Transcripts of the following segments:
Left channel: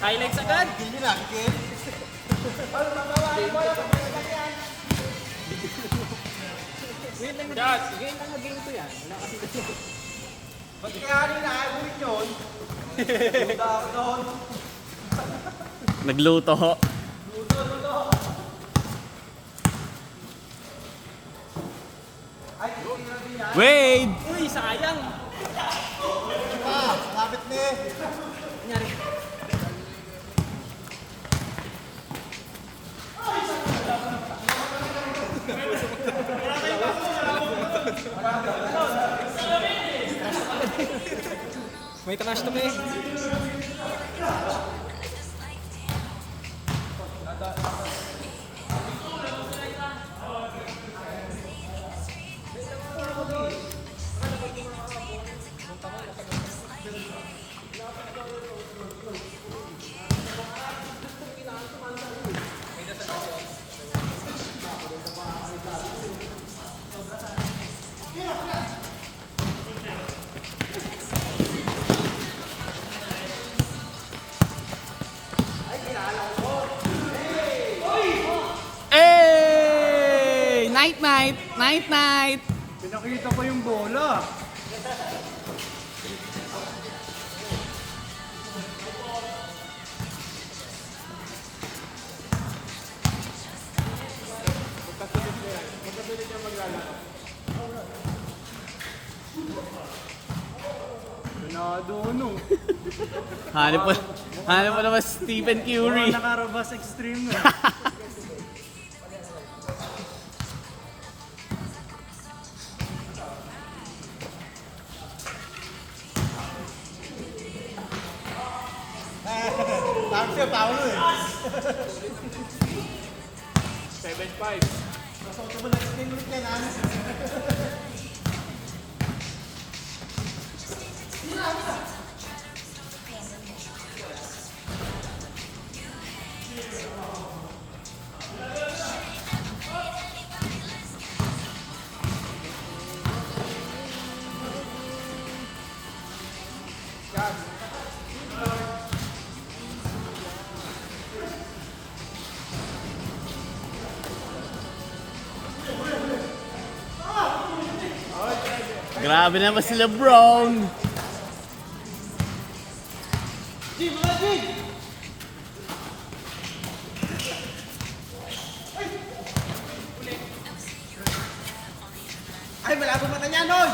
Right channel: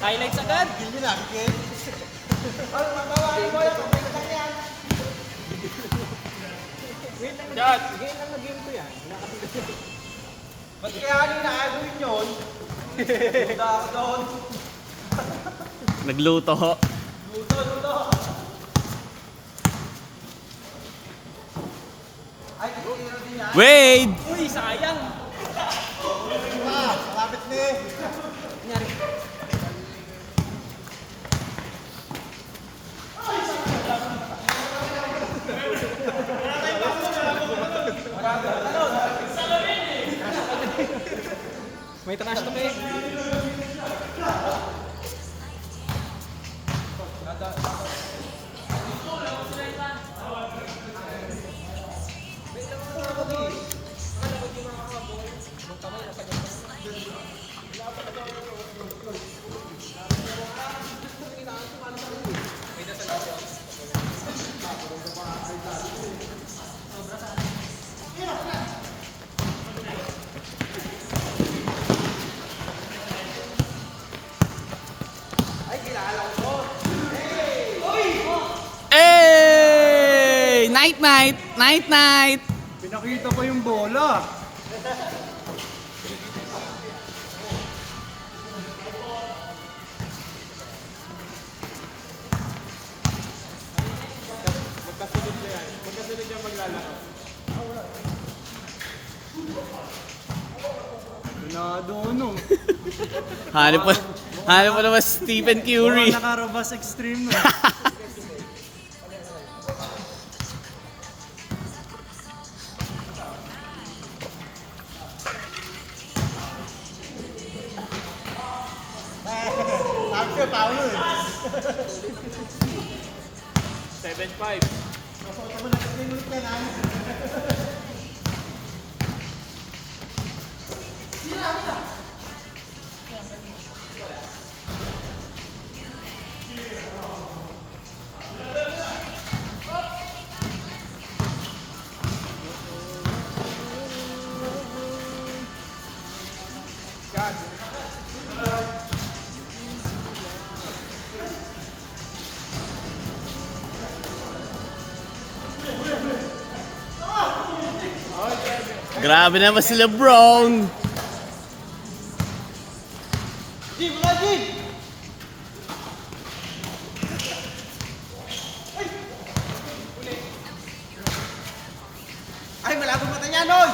Highlights agad. Hindi lang, okay? Wait lang, God. Game lang na game ko yan. Ba't kaya akin na-agulin yun? Buda ako doon. Nagluto ho. Wade! Uy, sayang. Lapit ni. Nangyari. May trash to me. Hey! Night night! Night night! Pinakita ko yung bola. Pinado no. Hanap pa naman Stephen Curry. Nakarabas extreme no. Tapos yung tao nun. 7-5. Grabe naman si LeBron. Jim, mga Jim! Ay, malabo mata niya nun!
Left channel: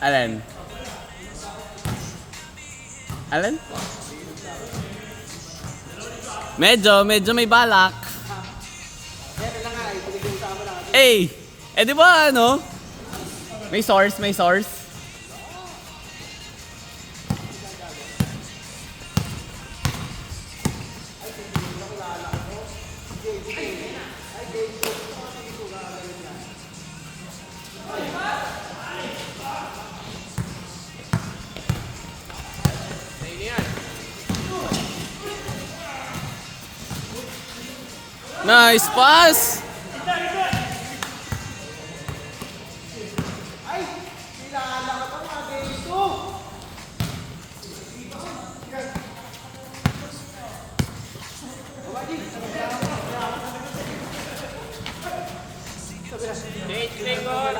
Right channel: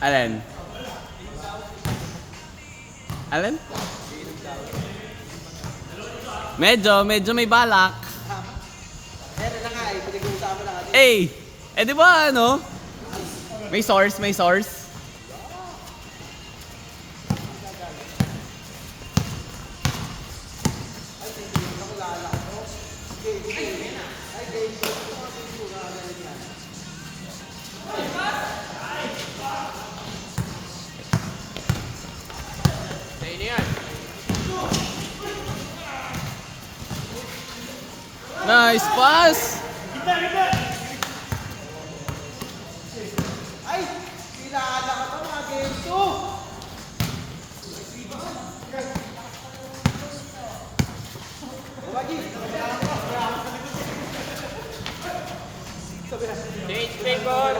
Alan? Alan? Medyo may balak. Eh, di ba ano? May source. Nice pass! Stay goal.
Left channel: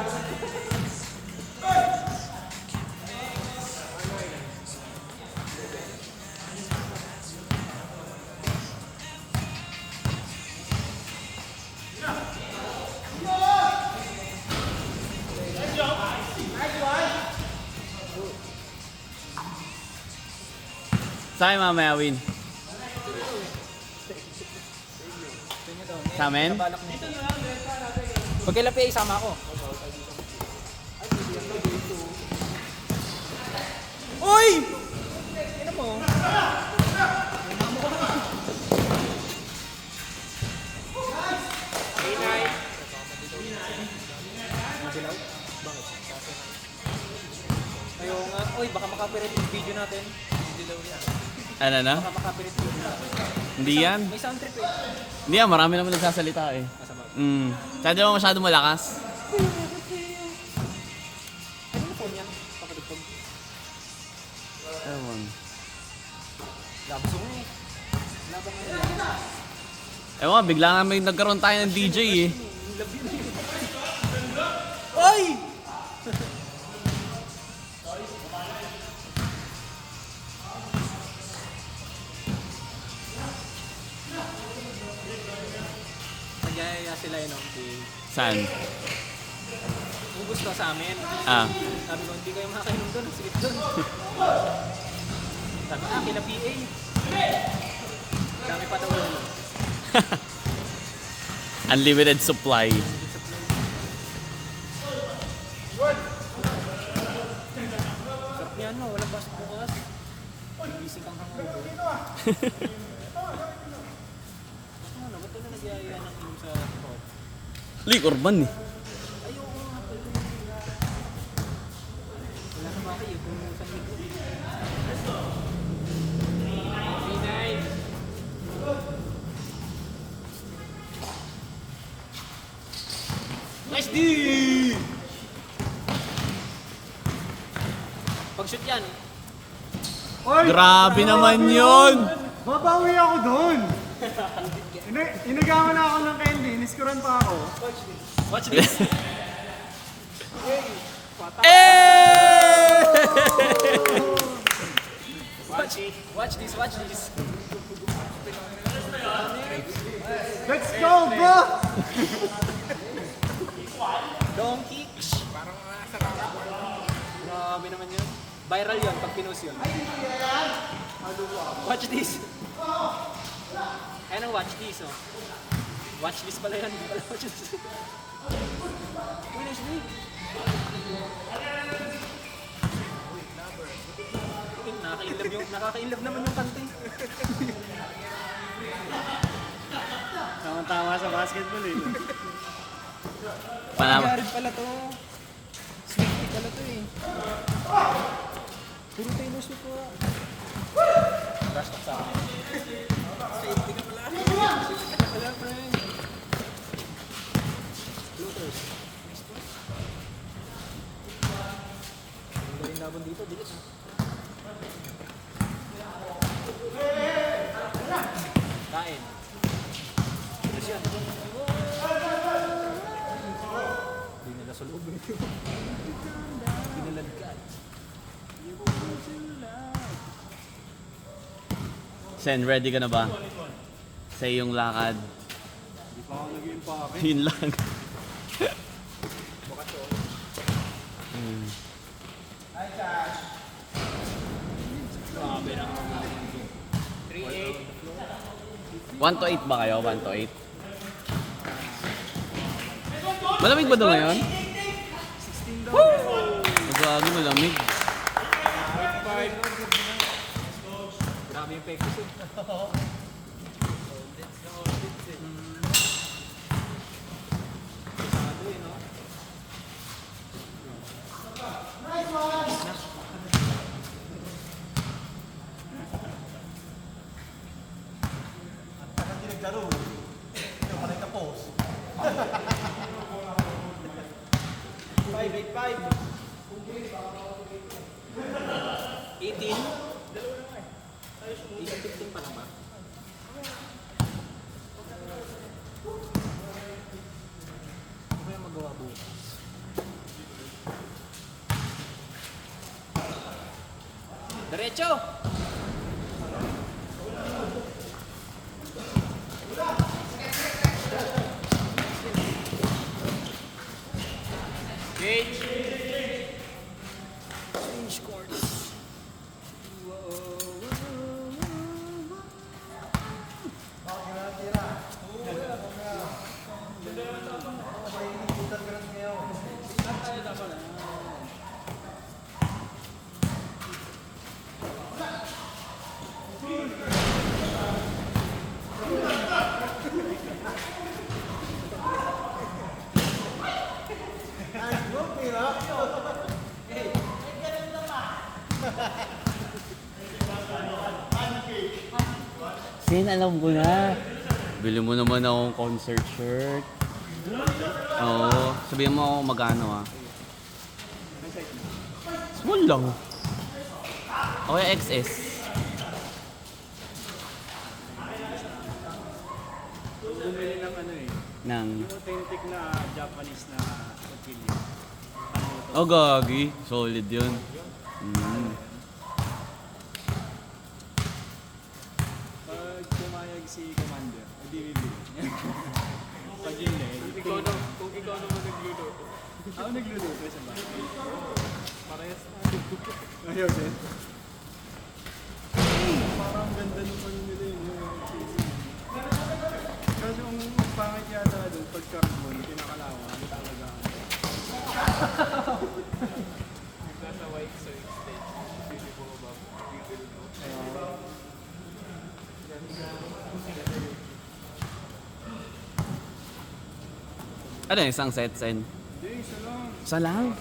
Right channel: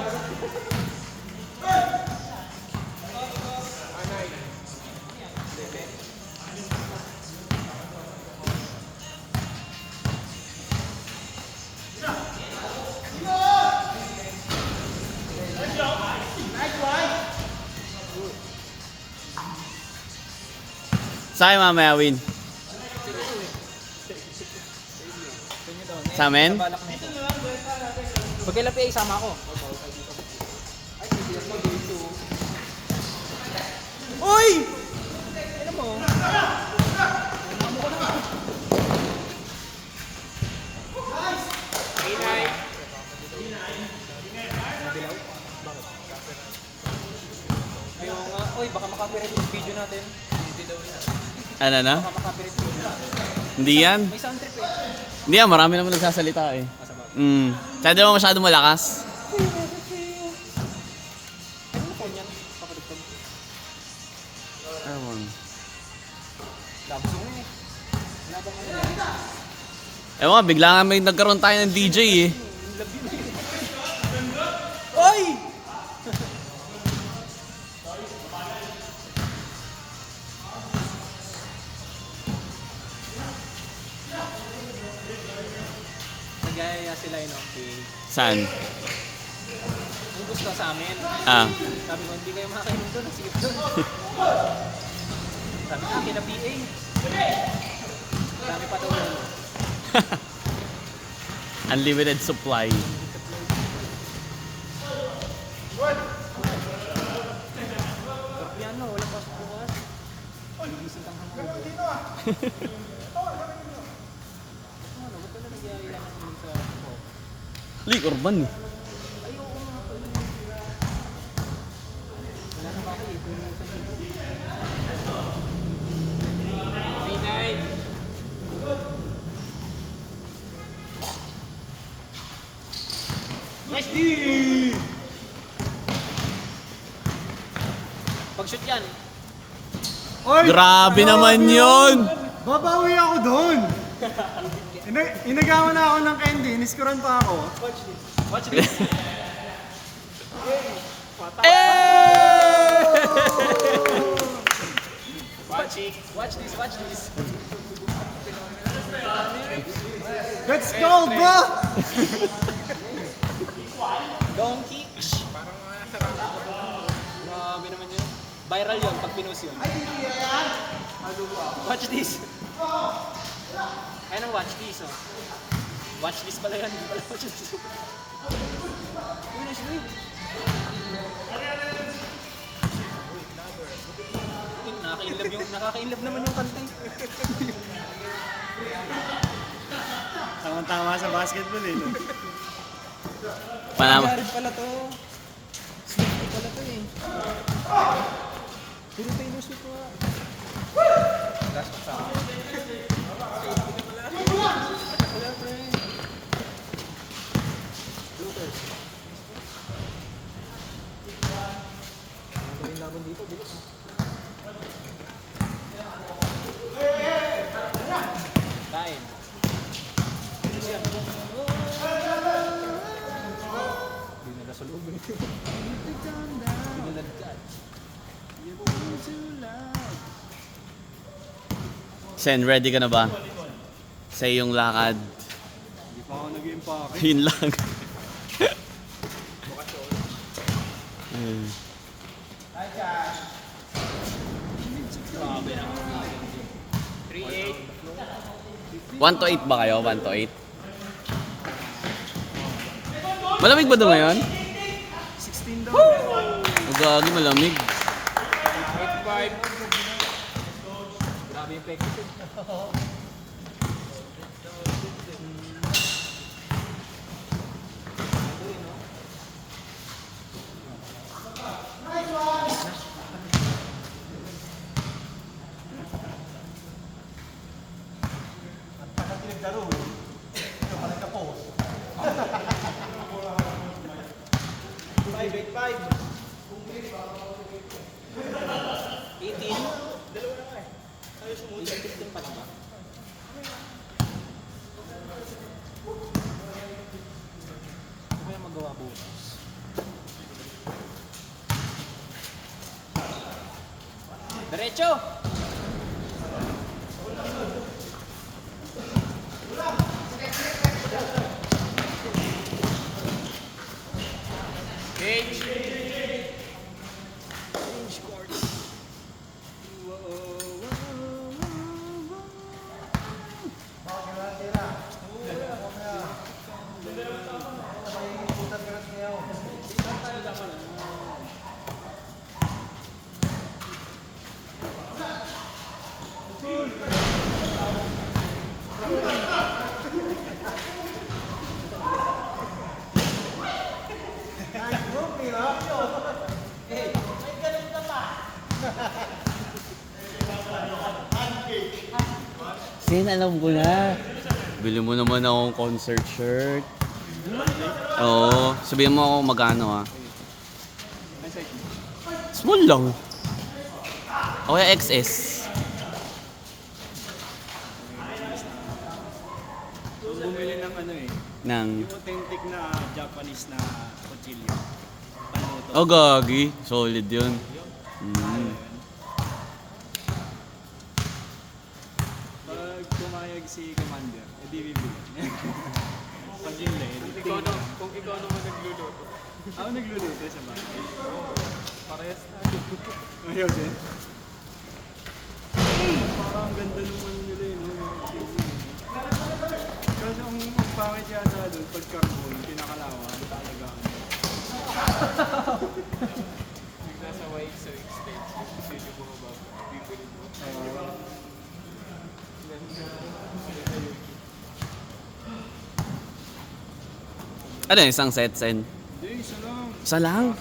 Sa'yo mamaya win. Sa amin? Balak na ito. Pag kailan pa isama ako. Uy! Ano mo? Uy, baka makapirit yung video natin. Ano na? Baka makapirit yung video natin. Hindi yan. May sound trip eh. Hindi yan, marami naman nagsasalita eh. Kaya di naman masyadong malakas. Ano na phone yan? Papadugtog. Ewan. Labsong eh. Labang ano yan? Ewan, bigla nga may nagkaroon tayo ng DJ eh. Love yun eh. Oy! Nagyayaya sila yun okay. Saan? Kung gusto sa amin. Ah. Sabi ko, hindi kayo makakainom doon. Sige doon. Sabi na, kila PA. Dami pa daw doon. Unlimited supply. Piano, wala pa sa bukas. Gigising ang hangover. Ba't wala nagyayaya sa... Lik, urban eh. Wala na pati ito yung isang linggo. Nice D! Pag-shoot yan. Grabe naman yun! Babawi ako doon! Inagaman na ako ng candy, iniskuran pa ako. Watch this. Watch this. Eh! Watch it. Watch this. Watch this. Let's go, bro! Donkey. Grabe naman yun. Viral yun pag pinost yun. Watch this. Ayan ang watch this, oh. Watch this pala yan. Hindi pala watch this. Uy, nice win. Uy, nakaka-inlove naman yung kanta. Tama-tama sa basketball eh. Panama. Jared pala to. Swift pala to eh. Puro Taylor Swift po. Last pa sa akin. Kaya to eh. Looters. Galing namin dito, bilis. Kain. Bilis yan. Hindi nila sa loob eh. Pinaladkad. Sen, ready ka na ba? Sa iyong lakad. Hindi pa ako naging pake. Yun lang. 1 to 8 ba kayo? 1 to 8? Malamig ba doon ngayon? 16 daw. Ang gagi, malamig. Grabe yung pekto. Five. 18? 15 pa lang ba? Ano kaya magawa bukas? Diretso! Change course. Sin, alam ko na. Bili mo naman akong concert shirt. Oo. Sabihin mo magkano ah. Small lang. O kaya XS. Bumili ng ano eh. Nang... Yung authentic na Japanese na kutsilyo. Oh, gagi. Solid yun. Mm. Pag pumayag si Commander, edi bibili. Pag yun eh, edi tingin. Kung ikaw naman nagluluto. Ako nagluluto sa bahay. Parehas na. Ayaw din. Parang ang ganda nung ano nila yun, no? Yung TV. Kaso ang pangit yata doon, pag carbon, pinakalawa, ano talaga ako. Nasa white so extension. Sino bumaba? Ano yung isang set, Sen? Hindi, isa lang. Isa lang?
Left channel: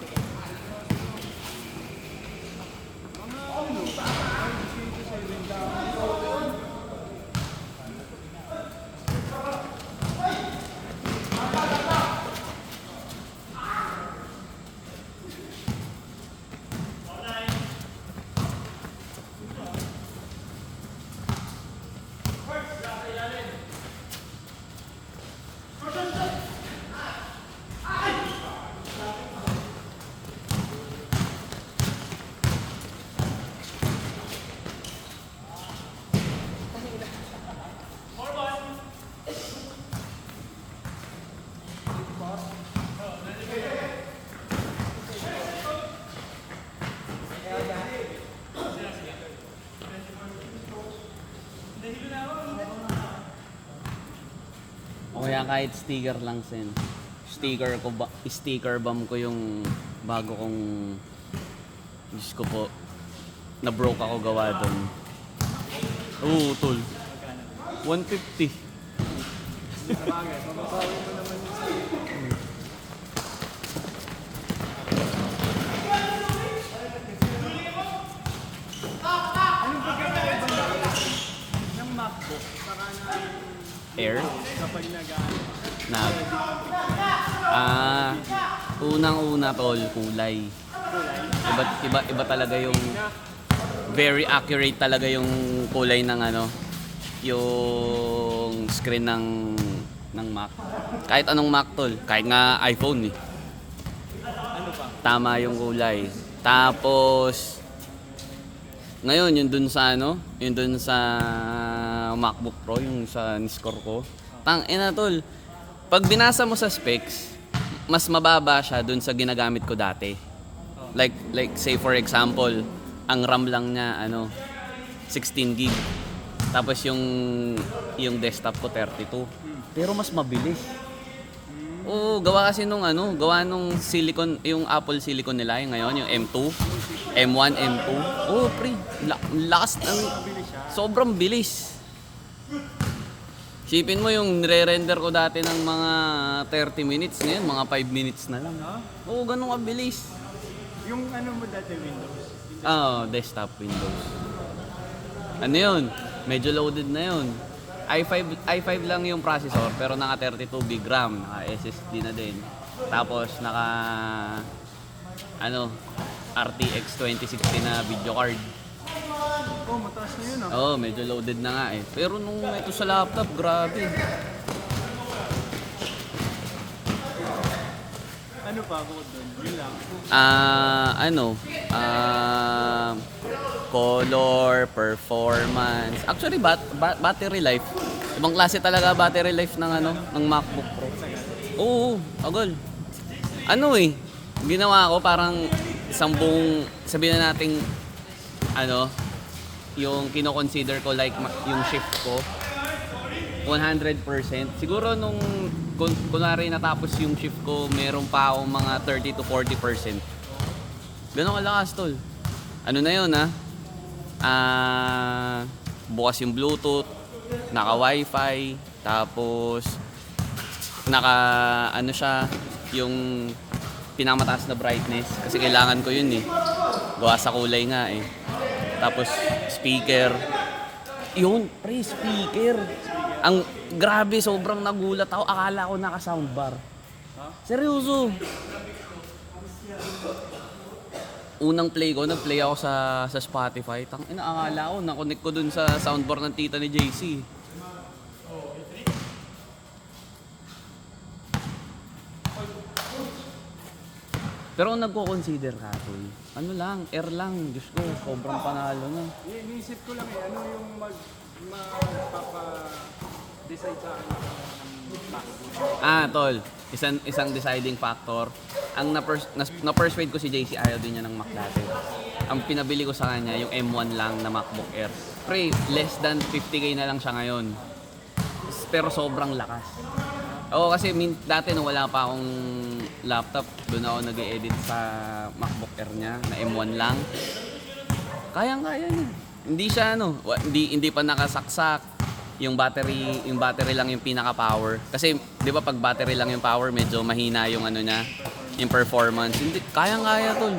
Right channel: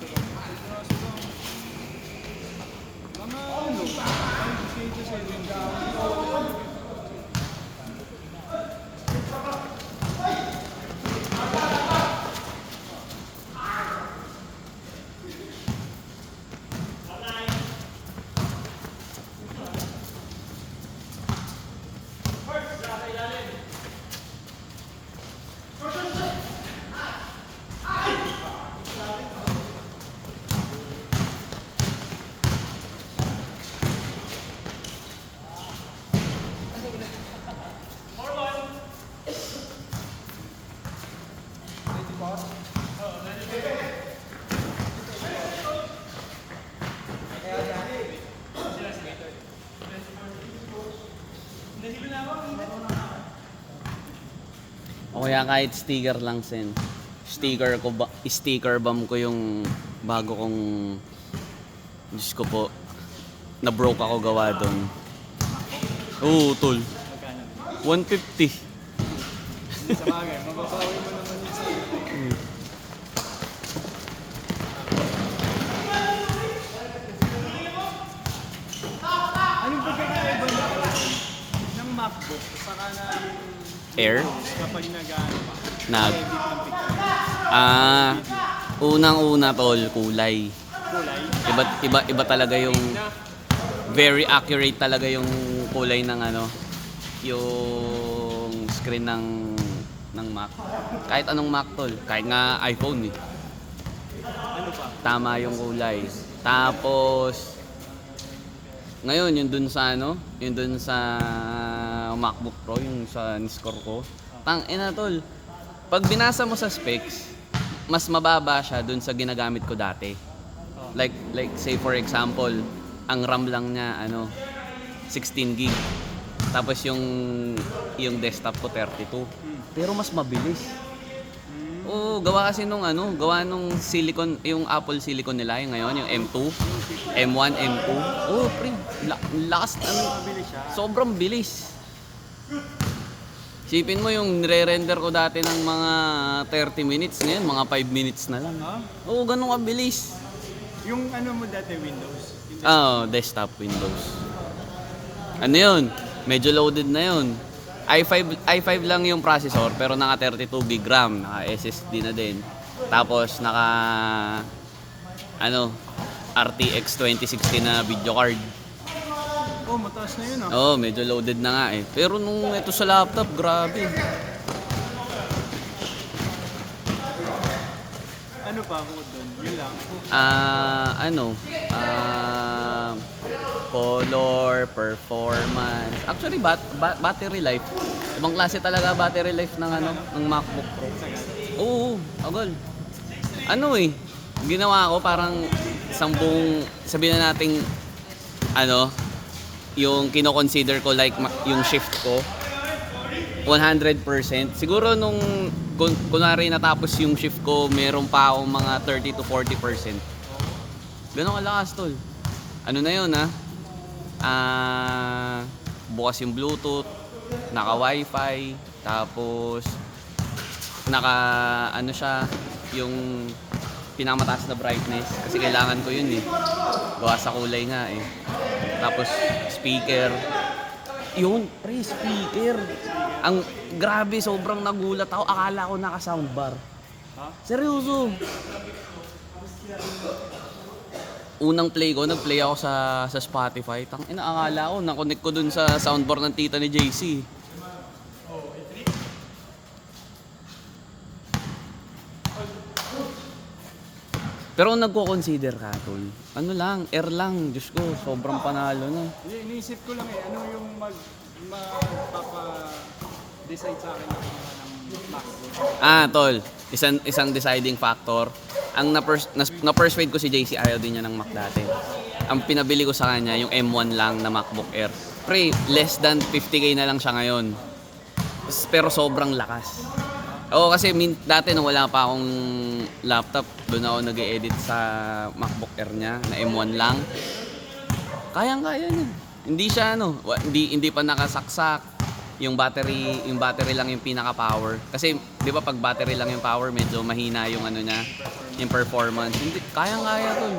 Mga ano, 5K to 7K. O kaya kahit sticker lang, Sen. Sticker bomb ko yung bago kong... Diyos ko po. Na-broke ako gawa doon. Oo, tol. 150. Sa bagay, mababawi mo naman yung stick. Anong pagkakaiba ng MacBook saka na Air? kapag nag-ano? Na... unang-una, tol, kulay. Iba talaga yung... Very accurate talaga yung kulay ng ano, yung screen ng Mac. Kahit anong Mac, tol. Kahit nga iPhone eh. Ano pa? Tama yung kulay. Tapos ngayon yung dun sa ano, yung dun sa MacBook Pro, yung sa score ko. Ina tol. Pag binasa mo sa specs, mas mababa siya dun sa ginagamit ko dati. Like say for example, ang RAM lang niya ano 16 gig. Tapos yung desktop ko 32. Pero mas mabilis. Oo, gawa kasi gawa nung silicon, yung Apple silicon nila, yung ngayon, yung M2, M1, M2. Oo, pre, lakas, Mabilis siya. sobrang bilis. Sipin mo yung nire-render ko dati ng mga 30 minutes, ngayon mga 5 minutes na lang. Oo, ganun kabilis. Yung ano mo dati, Windows. Desktop Windows. Ano yun? Medyo loaded na yun. i5 lang yung processor pero naka 32 big RAM, naka SSD na din. Tapos naka RTX 2060 na video card. Oh, mataas na yun Oo, medyo loaded na nga eh. Pero nung ito sa laptop, grabe. Ano pa bukod doon? Yun lang. Color, performance. Actually, battery life. Ibang klase talaga battery life ng ng MacBook Pro. Tagal. Oo, agol. Ginawa ko parang sabihin na nating yung kino-consider ko like yung shift ko 100%. Siguro nung kunwari natapos yung shift ko, meron pa akong mga 30 to 40%. Ganun kalakas, tol. Ano na yun, bukas yung Bluetooth, naka Wi-Fi, tapos naka siya, yung pinakamataas na brightness kasi kailangan ko yun gawa sa kulay nga tapos speaker yun, pre, speaker. Ang grabe, sobrang nagulat ako, akala ko naka soundbar. Seryoso. Unang play ko, nag-play ako sa Spotify. Akala ko, na-connect ko dun sa soundbar ng tita ni JC. Pero kung nagko-consider ka, tol, air lang, Diyos ko, sobrang panalo na. Iniisip ko lang ano yung magpapa-decide sa akin ng MacBook. Tol, isang deciding factor. Ang na-persuade ko si JC, ayaw din niya ng Mac dati. Ang pinabili ko sa kanya, yung M1 lang na MacBook Air. Pre, less than 50k na lang siya ngayon. Pero sobrang lakas. Oo, kasi dati nung wala pa akong laptop, doon ako nag-e-edit sa MacBook Air niya, na M1 lang. Kayang-kaya niya. Hindi siya hindi pa nakasaksak. Yung battery lang yung pinaka-power. Kasi 'di ba pag battery lang yung power, medyo mahina yung niya, yung performance. Hindi kayang-kaya ko.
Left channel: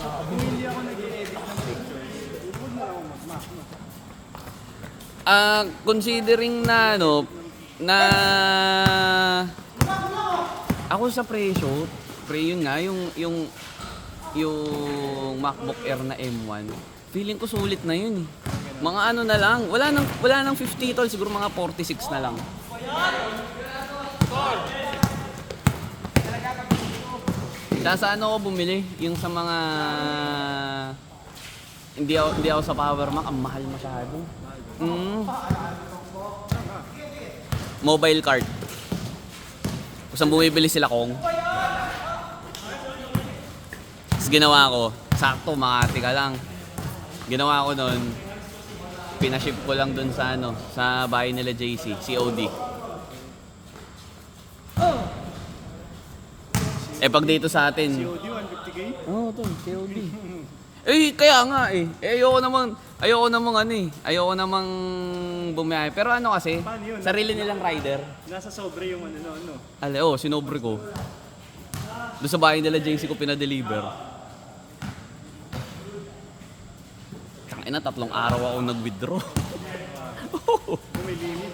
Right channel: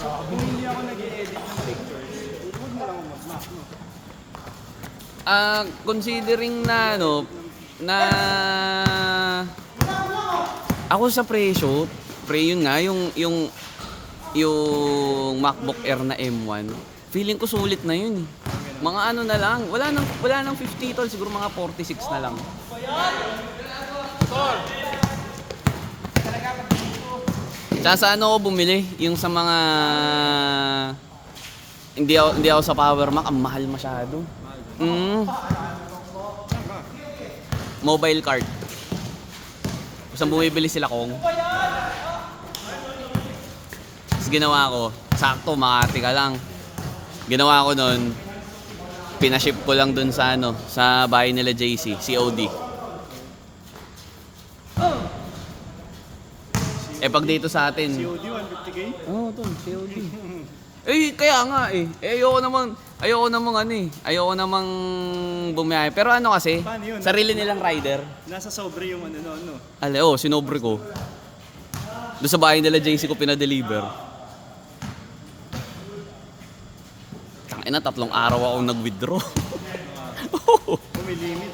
Kung hindi ako nag-e-edit ng pictures, huwag na lang ako mag-Mac, no? Considering na ako sa presyo, yun nga yung MacBook Air na M1, feeling ko sulit na yun Mga na lang, wala nang 50 tol, siguro mga 46 na lang. Tsaka sa ako bumili, yung sa mga hindi ako sa Power Mac, ang mahal masyado. Mobile card. Basta bumibili sila kong. Tapos ginawa ko, sakto Makati ka lang. Ginawa ko nun, pinaship ko lang dun sa sa bahay nila JC, COD. Pag dito sa atin, COD 150k? Oo, tol, COD. Kaya nga ayoko namang bumiyahe. Pero kasi, Paano yun? sarili nilang rider. Nasa sobre yung ano. Sinobre ko. Doon sa bahay nila JC ko pinadeliver. Tangina, 3 araw ako nag-withdraw. Kung may limit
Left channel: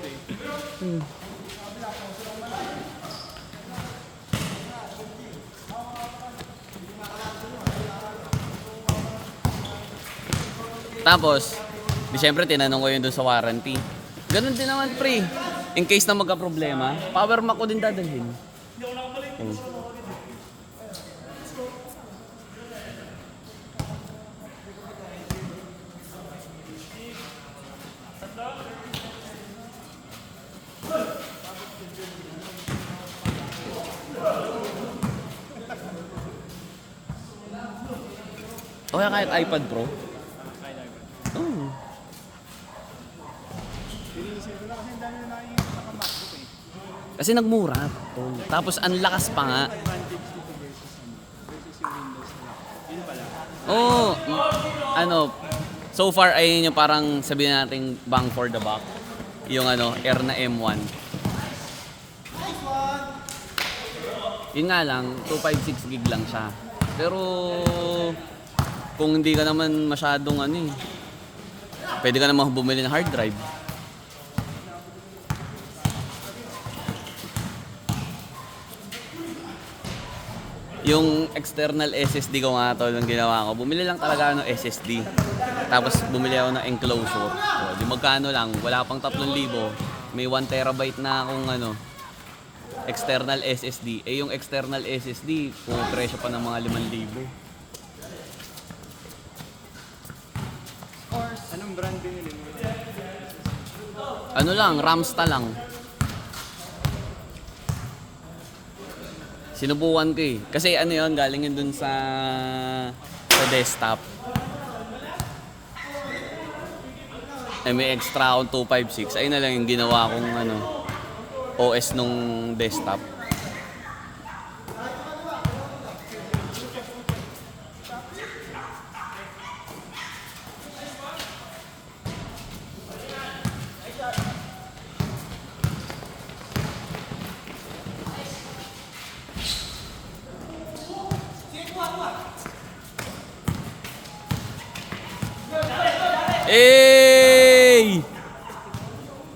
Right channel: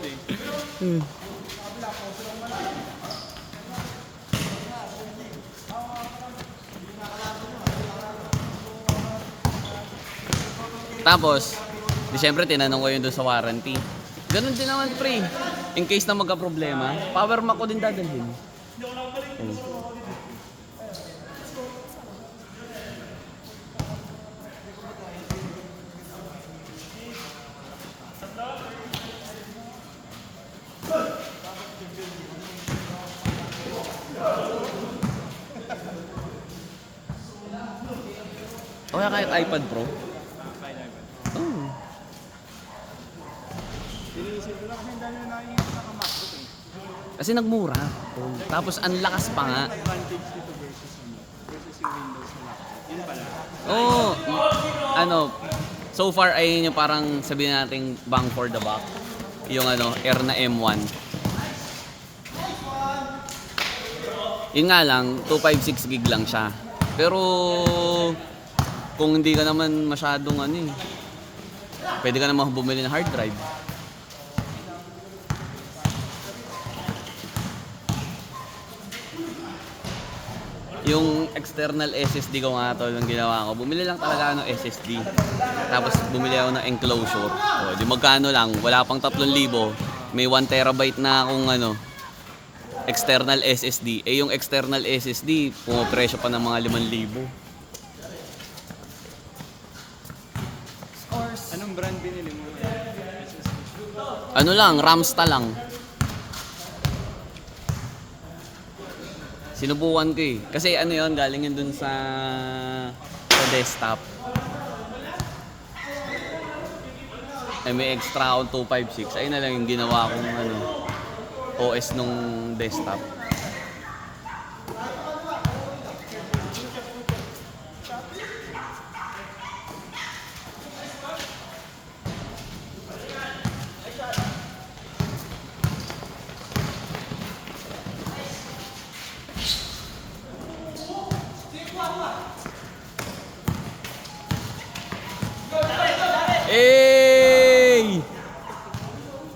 Tapos, siyempre tinanong ko yun doon sa warranty. Ganun din naman, pre. In case na magka-problema, Power Mac ko din dadalhin. O kaya kahit iPad Pro. Sinisip ko lang kasi ang dami na nakikita sa MacBook eh. Kasi nagmura. Tol. Tapos ang lakas pa nga. Yung advantage dito versus versus yung Windows na laptop. Yun pala. Oo. Ano, so far ay yung parang sabihin natin bang for the buck. Yung Air na M1. Yun nga lang, 256 gig lang siya. Pero kung hindi ka naman masyadong pwede ka naman bumili ng hard drive. Yung external SSD ko nga tol, ang ginawa ko, bumili lang talaga ng SSD. Tapos bumili ako ng enclosure. O, di magkano lang, wala pang 3,000. May 1 terabyte na akong external SSD. Eh yung external SSD, pumapresyo pa ng mga 5,000. Anong brand binili mo? Ano lang, Ramsta lang. Sinubukan ko eh. Kasi yun, galing yun dun sa desktop. Ay may extra akong 256. Ayun na lang yung ginawa kong OS nung desktop. Hey!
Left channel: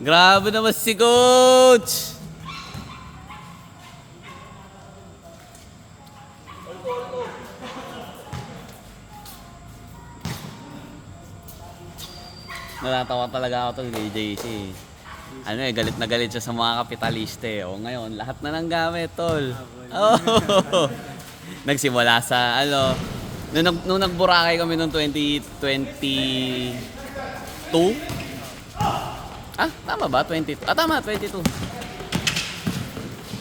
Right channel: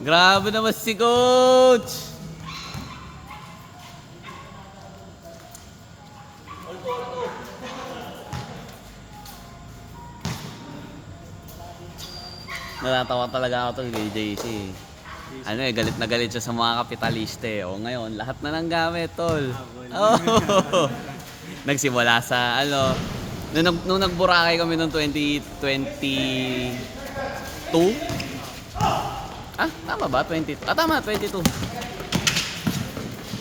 Grabe naman si Coach! Natatawa talaga ako tol kay JC. Galit na galit siya sa mga kapitalista eh. O ngayon, lahat na ng gamit tol. Oh. Nagsimula sa nung nagburakay kami noong 2022. Tama ba? 20. Tama, 22.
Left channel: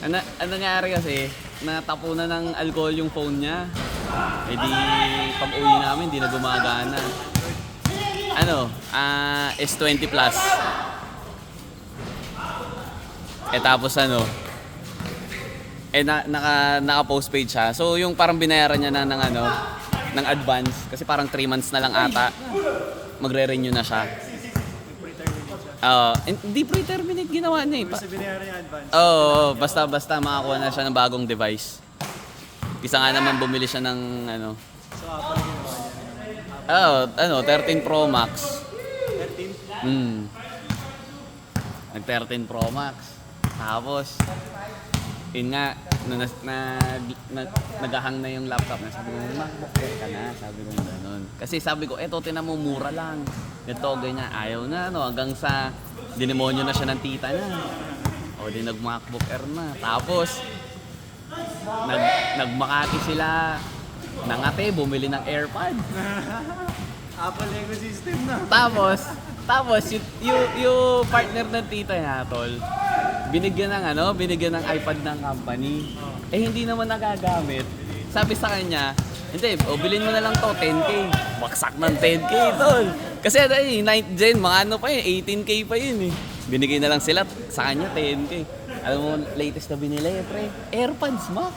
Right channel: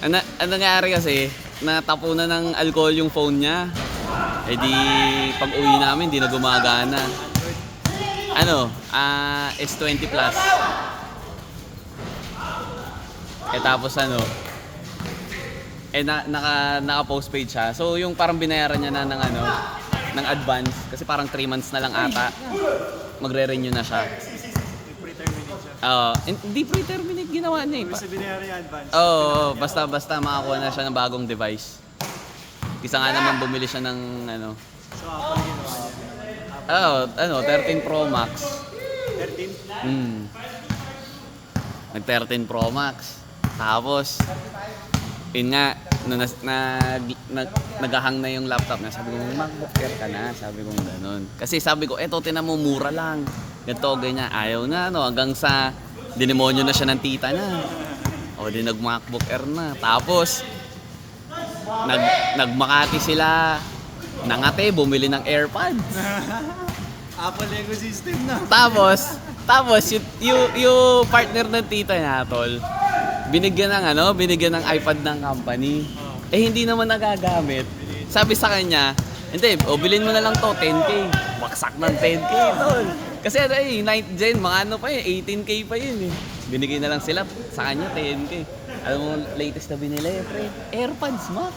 Ano nangyari kasi, natapunan ng alcohol yung phone niya. Eh di, pag uwi namin, di na gumagana. S20 Plus. Eh tapos naka-postpaid siya. So yung parang binayaran niya na ng advance kasi parang 3 months na lang ata. Magre-renew na siya. Pre-terminate siya. Hindi pre-terminate ginawa niya eh. Ibig sabihin na yung advance. Basta makakuha na siya ng bagong device. Isa nga naman bumili siya ng So Apple ginawa niya. 13 Pro Max. 13? Nag 13 Pro Max. Tapos yun nga, nung naghahang na yung laptop na, sabi ko, MacBook Air ka na, sabi ko gano'n. Kasi sabi ko, eto, tinan mo, mura lang. Ganito, ganyan, ayaw na, hanggang sa dinemonyo na siya ng tita na. O, di nag-MacBook Air na. Tapos, nagmakati sila, nangate, bumili ng AirPods. Apple ecosystem na. Tapos yung partner ng tita niya, tol, binigyan ng iPad ng company. Eh hindi naman nagagamit. Sabi sa kanya, hindi, bilhin mo na lang to, 10K. Baksak ng 10K, tol. Kasi 9th gen, mga pa yun, 18K pa yun eh. Binigay na lang sila sa kanya, 10K. Alam mo, latest na binili, pre, AirPods Max.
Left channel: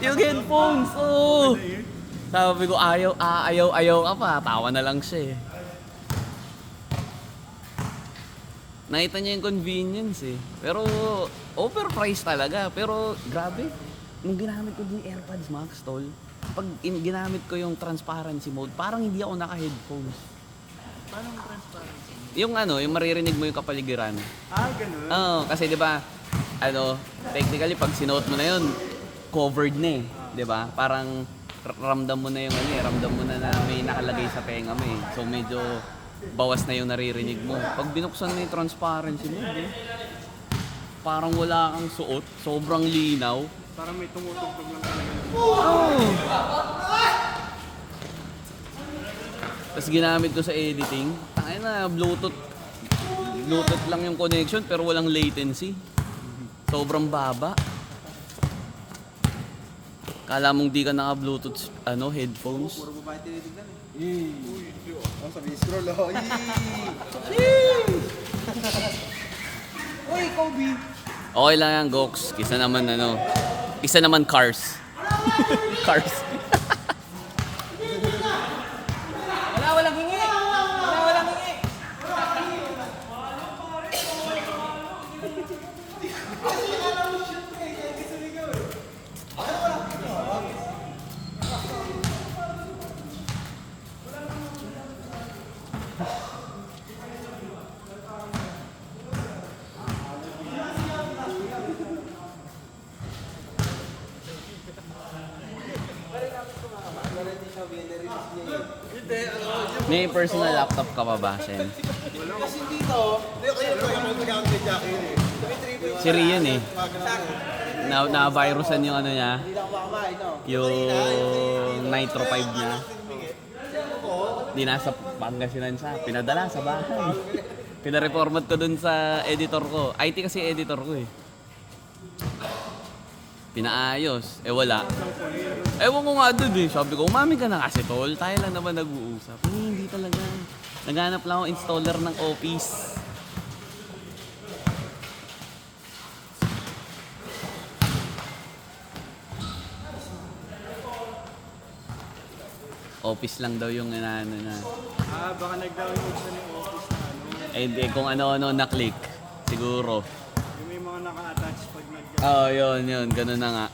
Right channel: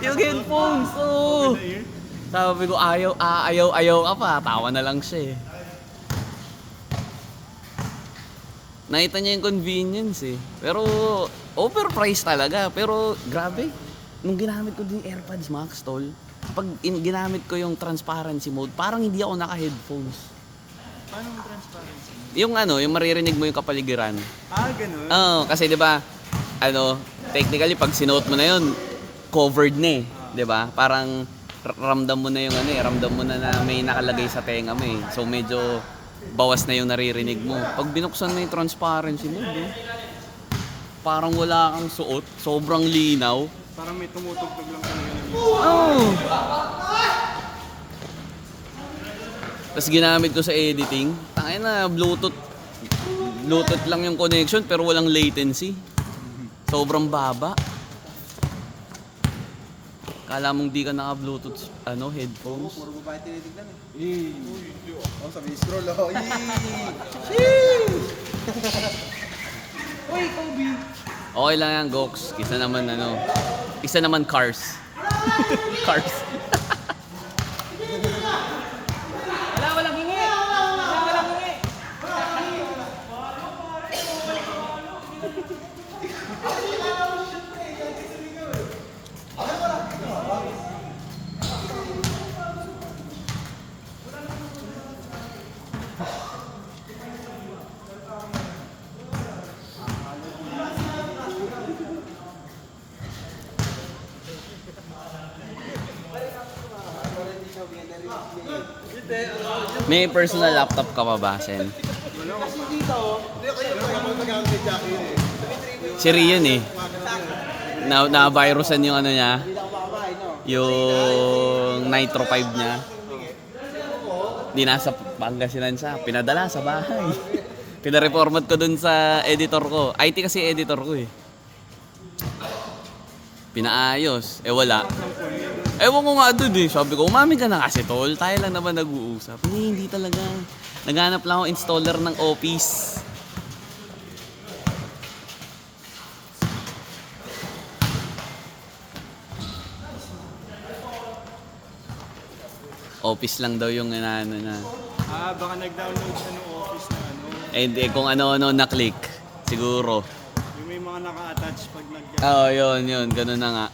Yung headphones, oh. Sabi ko, ayaw ka pa. Tawa na lang siya eh. Nakita niya yung convenience eh. Pero, overpriced talaga. Pero, grabe. Nung ginamit ko din yung AirPods Max, tol, pag ginamit ko yung transparency mode, parang hindi ako naka-headphones. Paano yung transparency? Yung yung maririnig mo yung kapaligiran. Ganun? Oo, kasi 'di ba? Technically pag sinuot mo na 'yun, covered na eh, 'di ba? Parang ramdam mo na yung ramdam mo na may nakalagay sa tenga mo eh. So medyo bawas na yung naririnig mo. Pag binuksan mo yung transparency mode, parang wala kang suot, sobrang linaw. Parang may tumutugtog lang talaga. Tapos ginamit ko sa editing, Bluetooth lang yung connection pero walang latency. Sobrang baba. Kala mong di ka naka-bluetooth, headphones. Puro babae tinitignan eh. Oh, sabi ni scroll, oh. Uy, Kobe! Okay lang yan, Gox. Isa naman cars. Cars. Walang hingi! Walang hingi! May personal laptop ka pa ba, Sen? Si Rion eh. Na-virusan yung niya. Yung Nitro 5 niya. Di nasa Pangasinan siya. Pinadala sa bahay. Pinareformat ko dun sa editor ko. IT kasi editor ko eh. Pinaayos. Wala. Ewan ko nga doon eh. Sabi ko, umami ka na kasi tol. Tayo lang naman nag-uusap. Hindi talaga. Naghanap lang ako installer ng Office. Office lang daw yung na. Baka nag-download siya ng Office na Kung ano-ano na-click. Siguro. Yung may mga naka-attach pag Oo, yun. Ganun na nga.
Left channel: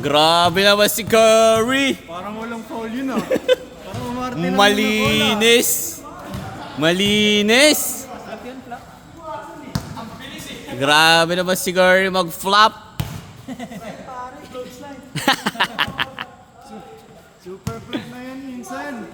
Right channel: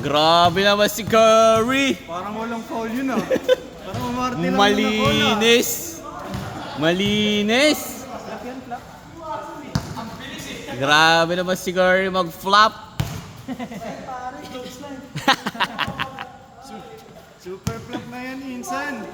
Grabe naman si Curry! Parang walang foul yun ah. Parang umarte lang yung Malinis! Malinis! Grabe naman si Curry mag-flop! Super flop na yan minsan.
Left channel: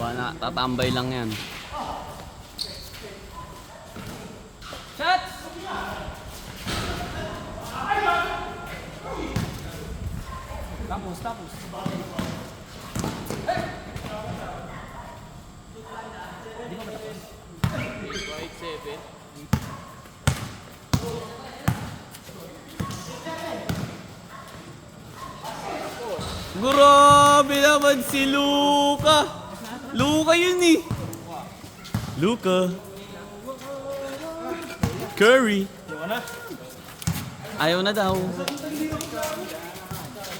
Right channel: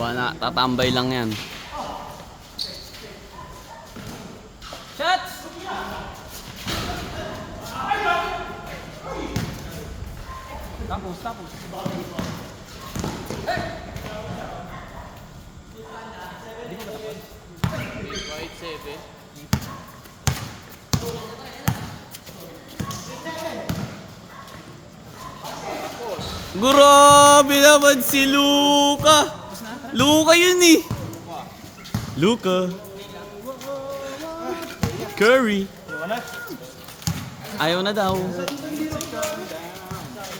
Baka tatambay lang yan. Shots! Tapos. White 7. Grabe naman si Luka! Luka yun eh! Luka! Curry! Ayaw na daw.